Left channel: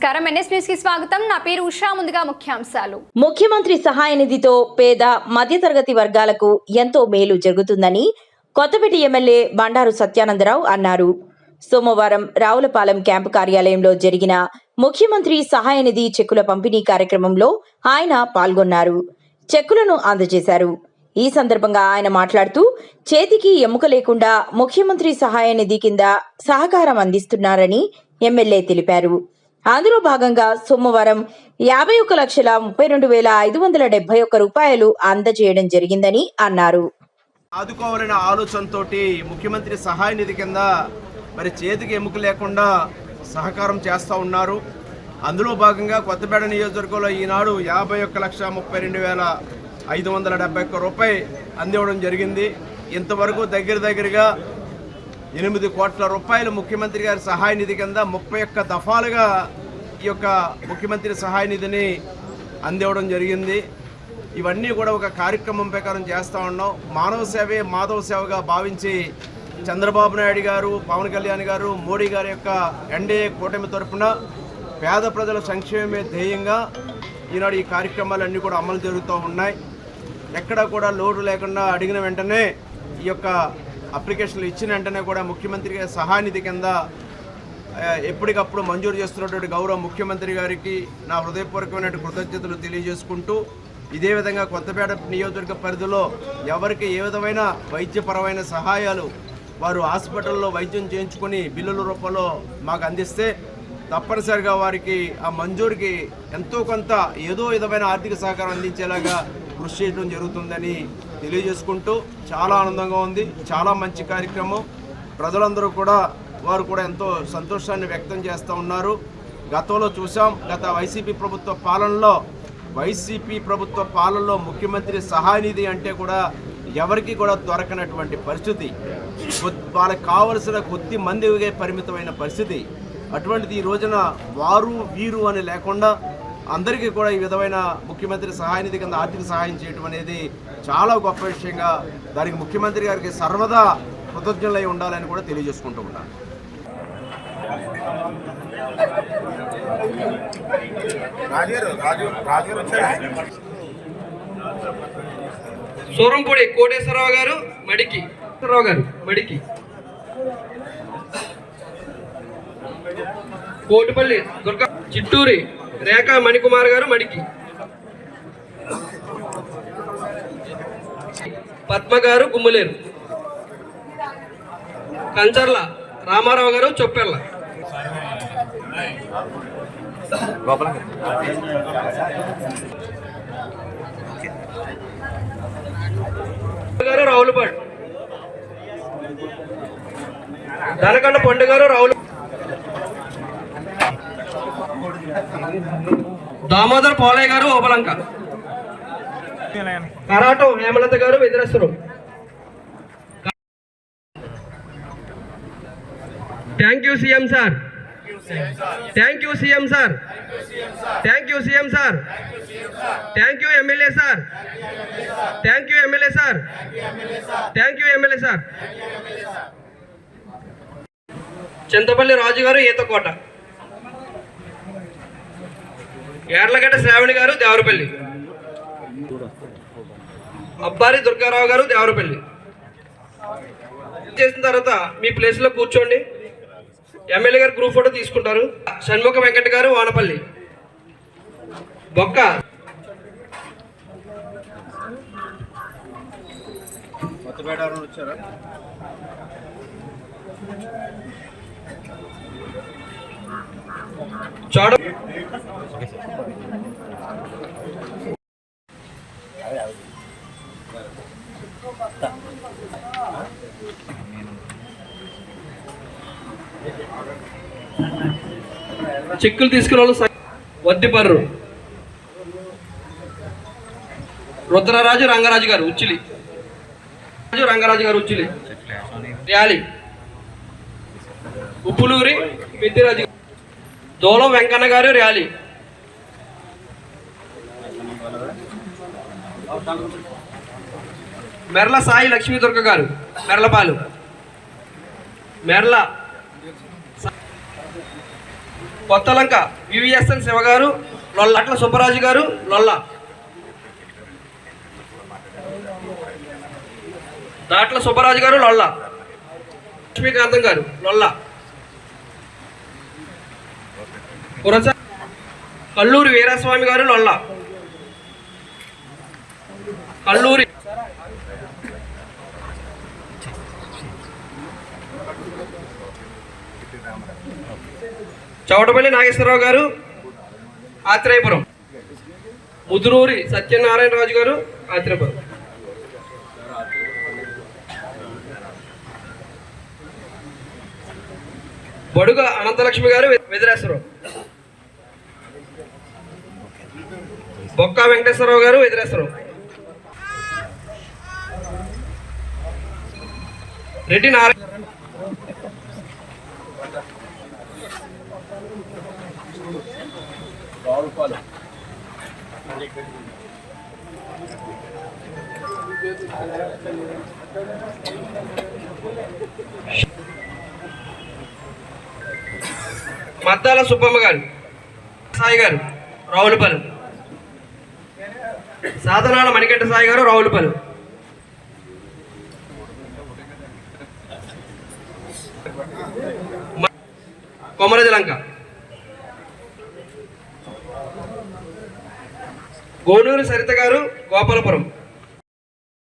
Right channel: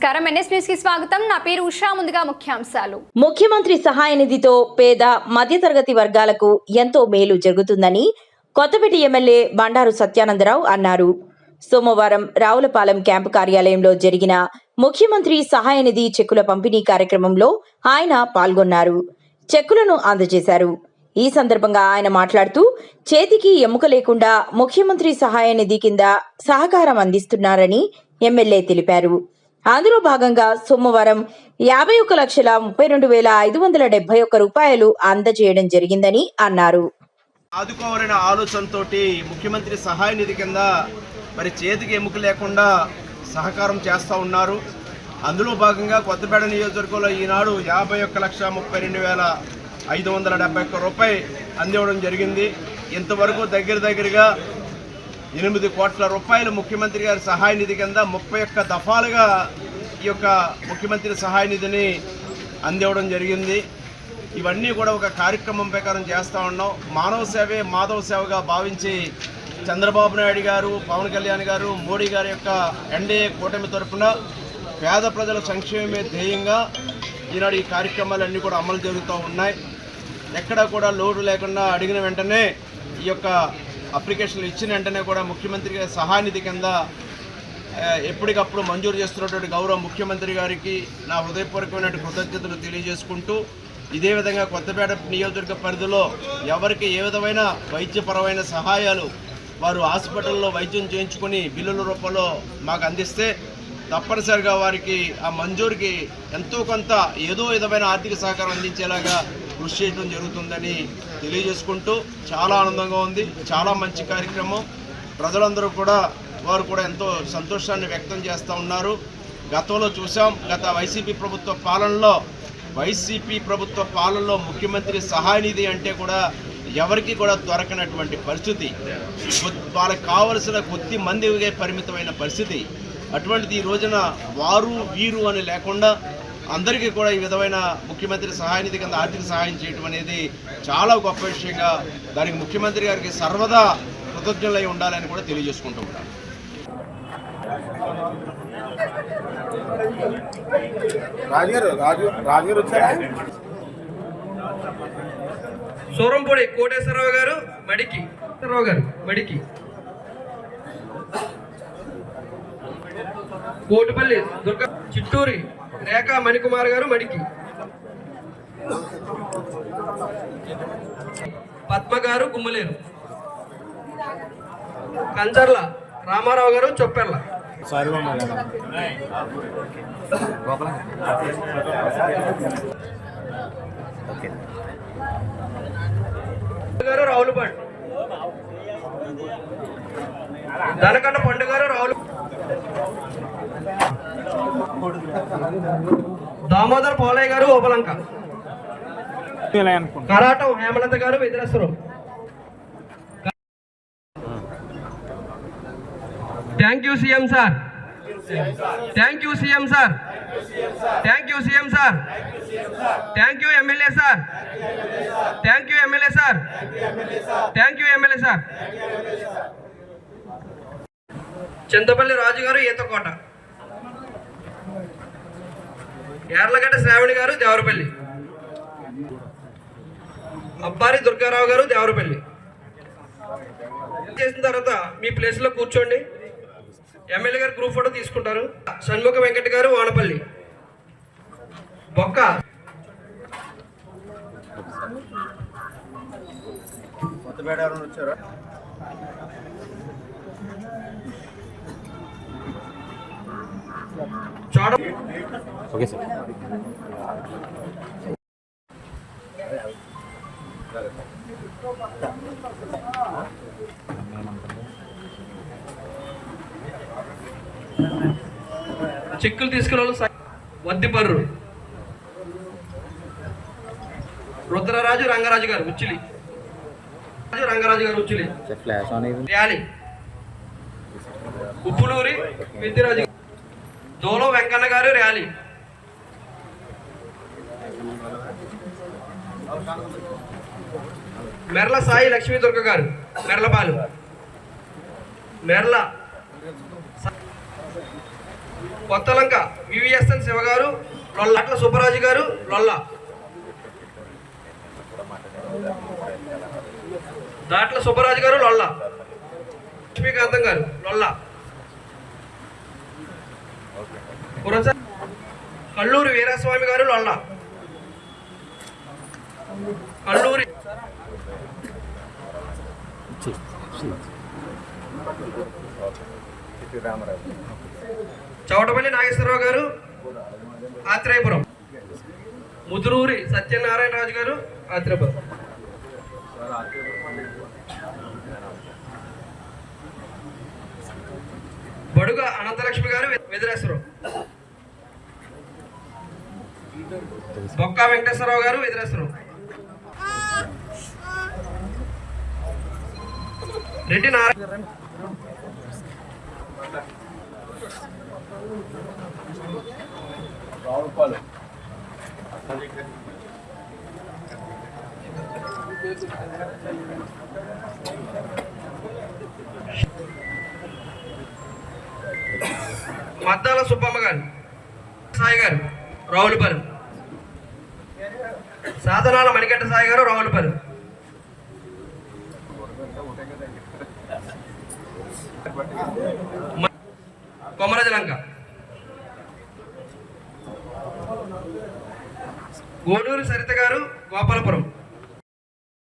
నమస్కారం, NS news కి స్వాగతం. నా పేరు ఉషా. ముందుగా ముఖ్యాంశాలు. ముఖ్యమంత్రి సహాయ నిధితో పేద మధ్యతరగతి వర్గాలకు ఎంతో మేలు జరుగుతుందని కొత్తపేట ఎమ్మెల్యే బండారు సత్యానందరావు అన్నారు. సోమవారం రావులపాలెం క్యాంపు కార్యాలయంలో జరిగిన ముఖ్యమంత్రి సహాయ నిధి చెక్కుల పంపిణీ కార్యక్రమంలో ఆయన పాల్గొన్నారు. చెక్కులను అందజేశారు. ఈ సందర్భంగా ఆయన మాట్లాడుతూ చేతికి ఎముక లేకుండా ముఖ్యమంత్రి సహాయ నిధి కింద సహకారం అందిస్తున్నారని ఎమ్మెల్యే తెలిపారు. అందులో భాగంగా సోమవారం 51,32,571 రూపాయలు అందజేయడం జరిగిందని అన్నారు. ఆదుకోవాలనే ఆలోచనతో ముఖ్యమంత్రి సహాయ నిధి కింద మరి చేతికి ఎముక లేకుండా సహకారం చేస్తూ ఉన్నారు. అందులో భాగంగా కొత్తపేట నియోజకవర్గంలో ఈనాడు 51,32,571 రూపాయలు అందివ్వడం జరిగింది. ఇంతవరకు దగ్గరగా 8 కోట్ల రూపాయలు ముఖ్యమంత్రి గారి సహాయ నిధి కింద 31 దఫాలుగా ఈ యొక్క ముఖ్యమంత్రి సహాయ నిధిని అందివ్వడం జరిగింది. ఇవన్నీ కూడా ఒక కార్యక్రమం ప్రకారం చేస్తూ ఉన్నాం. మానవ సేవే మాధవ సేవగా భావించి చంద్రబాబు నాయుడు గారు, పవన్ కళ్యాణ్ గారు, మోడీ గారి యొక్క ఎన్డీఏ కూటమి తరఫున పేద ప్రజల సంక్షేమమే ధ్యేయంగా ఈనాడు ఈ కార్యక్రమాలన్నీ కూడా అమలు జరుగుతూ ఉన్నాయి. ఎక్కడా కూడా లోటు లేకుండా అడిగిన వెంటనే ఈ యొక్క అప్లికేషన్లు ఇచ్చిన వెంటనే కూడా ముఖ్యమంత్రి గారి సహాయ నిధి కింద ఎప్పటికప్పుడు మంజూరు చేస్తున్నటువంటి గౌరవ ముఖ్యమంత్రి గారికి నా హృదయపూర్వకమైన కృతజ్ఞతలు తెలియజేసుకుంటూ, ఇదే విధంగా కొత్తపేట నియోజకవర్గ పరిధిలో ఎవరికి ఏ విధమైన వైద్యపరమైన సహాయాలు వారు హాస్పిటల్లో వైద్యం చేయించుకొని బిల్లుల రూపంలో మాకు అందిస్తే తప్పనిసరిగా వారికి ఆ మంజూరుకి ఎంతో కొంత ఏదో విధమైన ఆర్థిక సహకారం అందించేలాగా కృషి చేయడం జరుగుతుందని తెలియజేసుకుంటూ, చాలా ఆనందంగా ఉంది. చాలా మంచి కార్యక్రమం. ప్రజలందరూ కూడా వారు కూడా ఎంతో సంతోషాన్ని వ్యక్తం చేస్తూ ఉన్నారు. గతంలో చూసాం, గత వైసీపీ ప్రభుత్వ పాలనలో ముఖ్యమంత్రి సహాయ నిధి అంటే కూడా ఎవరికి కూడా దొరకనటువంటి పరిస్థితి, వాళ్ళకి కావలసిన కొద్ది మందికే పరిమితమైన పరిస్థితి. అటువంటిది ఈ రోజున వారు వీరు అని లేకుండా అందరికీ కూడా ఈ విధమైన ముఖ్యమంత్రి సహాయ నిధి కింద ఆర్థిక సహాయం చేయడం అనేది చాలా గొప్ప విషయంగా, దానికి ముఖ్యమంత్రి గారికి సర్వదా కృతజ్ఞులై ఉండాలని కూడా తెలియజేసుకుంటూ ఉంటాను. సూరంపూడి కోటేశ్వరరావు గారు మడికి, కోటిపల్లి దుర్గా, చిట్టూరి రేఖా మణికుమార్ గారు మడికి, పద్మ గారు గుమ్మలేరు, కంచర్ల రామారావు గారు చొప్పెర్ల, గారు రావులపాడు, దనకండ పండు గారు రావులు, దామోదర్ పోలయ్య గారు ఓపలంక, Karatam Hemalatha garu Vedireswaram. Thank you CM sir, thank you CM sir, thank you CM sir, thank you MLA sir, thank you MLA sir, thank you MLA sir. Chintapalli Raju garu Eethakota, Yarlagadda Shravani గారు దేవరపల్లి, అబ్బారి దుర్గారావు గారు దేవరపల్లి. చేసిన తర్వాత మీ ప్లేస్లో కూర్చోండి. ఎమ్మెల్యే గారు గ్రూప్ ఫోటో తీసుకుంటారు. షణ్ముఖ వెంకట గారు వానపల్లి, బొక్క కొత్తపేట వచ్చారా? చోడ చెక్కులు తీసుకున్న వాళ్ళు వద్దిపర్రు, రుద్రరాజు రంగరాజు గారు ఉచ్చిలి, రంగరాజు గారు ఉచ్చిలి, ర్యాలీ ఉప్పులూరి పెద్దిరాజు, దోలం వెంకన్న గారు ర్యాలీ, మెర్ల సాయి లక్ష్మీదుర్గ గారు మెర్లపాలు, మెర్ల కొత్తలంక వివిఎస్ఎన్ శివ గారు లొల్ల. దాట్ల సుబ్బరాజు గారు లొల్ల. దాట్ల సుబ్బరాజు గారు లొల్ల. లక్ష్మీకాంతం గారు లొల్ల. కురస కల్లూరి వీరస్వామి గారు లొల్ల. కల్లూరి చౌటపల్లి నాగేశ్వరరావు గారు ఆత్రేయపురం. ముదురూరి సత్యనారాయణరాజు గారు ఆత్రేయపురం. బడుగ అనంతలక్ష్మి గారు వెదిరేశ్వరం. బొక్క వెంకటేశ్వరరావు గారు వెదిరేశ్వరం. రెడ్డి నారాయణ మద్దాల సుబ్బమ్మ గారు సాయి గారు రావులపల్లి. సాధనాల మణికంఠ సాయి గారు రావులపల్లి. కొమరజలంక. గోనూరు సరిత గారు గోపాలపురం.